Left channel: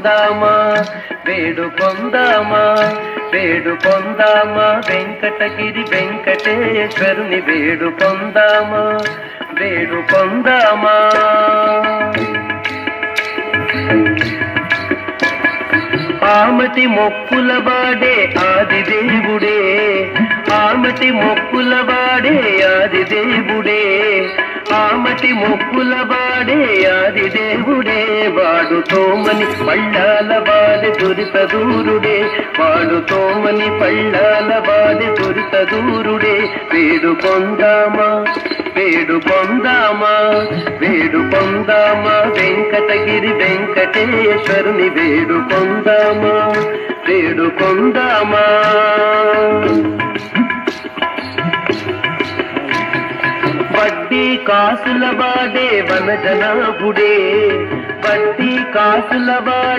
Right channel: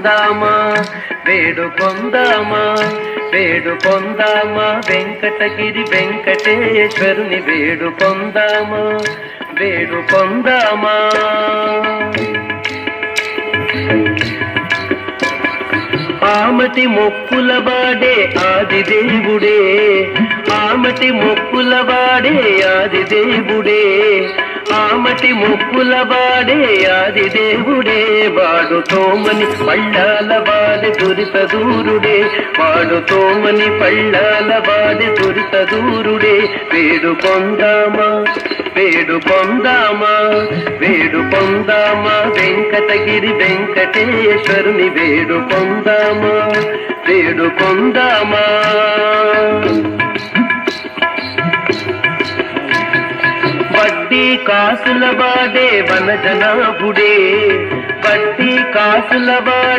వేడుకొందామా వేడుకొందామా వేడుకొందామా వెంకటగిరి వెంకటేశ్వరుని వేడుకొందామా వేడుకొందామా. ఆమటి మొక్కుల వాడే ఆది దేవుడే, ఆమటి మొక్కుల వాడే ఆది దేవుడే, ఆమటి మొక్కుల వాడే ఆది దేవుడే. వాడు తోమని పళ్ళాల వాడి దురిత దూరుడే, వాడు తోమని పళ్ళాల వాడి దురిత దూరుడే. వేడుకొందామా వేడుకొందామా వేడుకొందామా వెంకటగిరి వెంకటేశ్వరుని వేడుకొందామా వేడుకొందామా. వడ్డీ కాసుల వాడే వనజనాభుడే, వడ్డీ కాసుల వాడే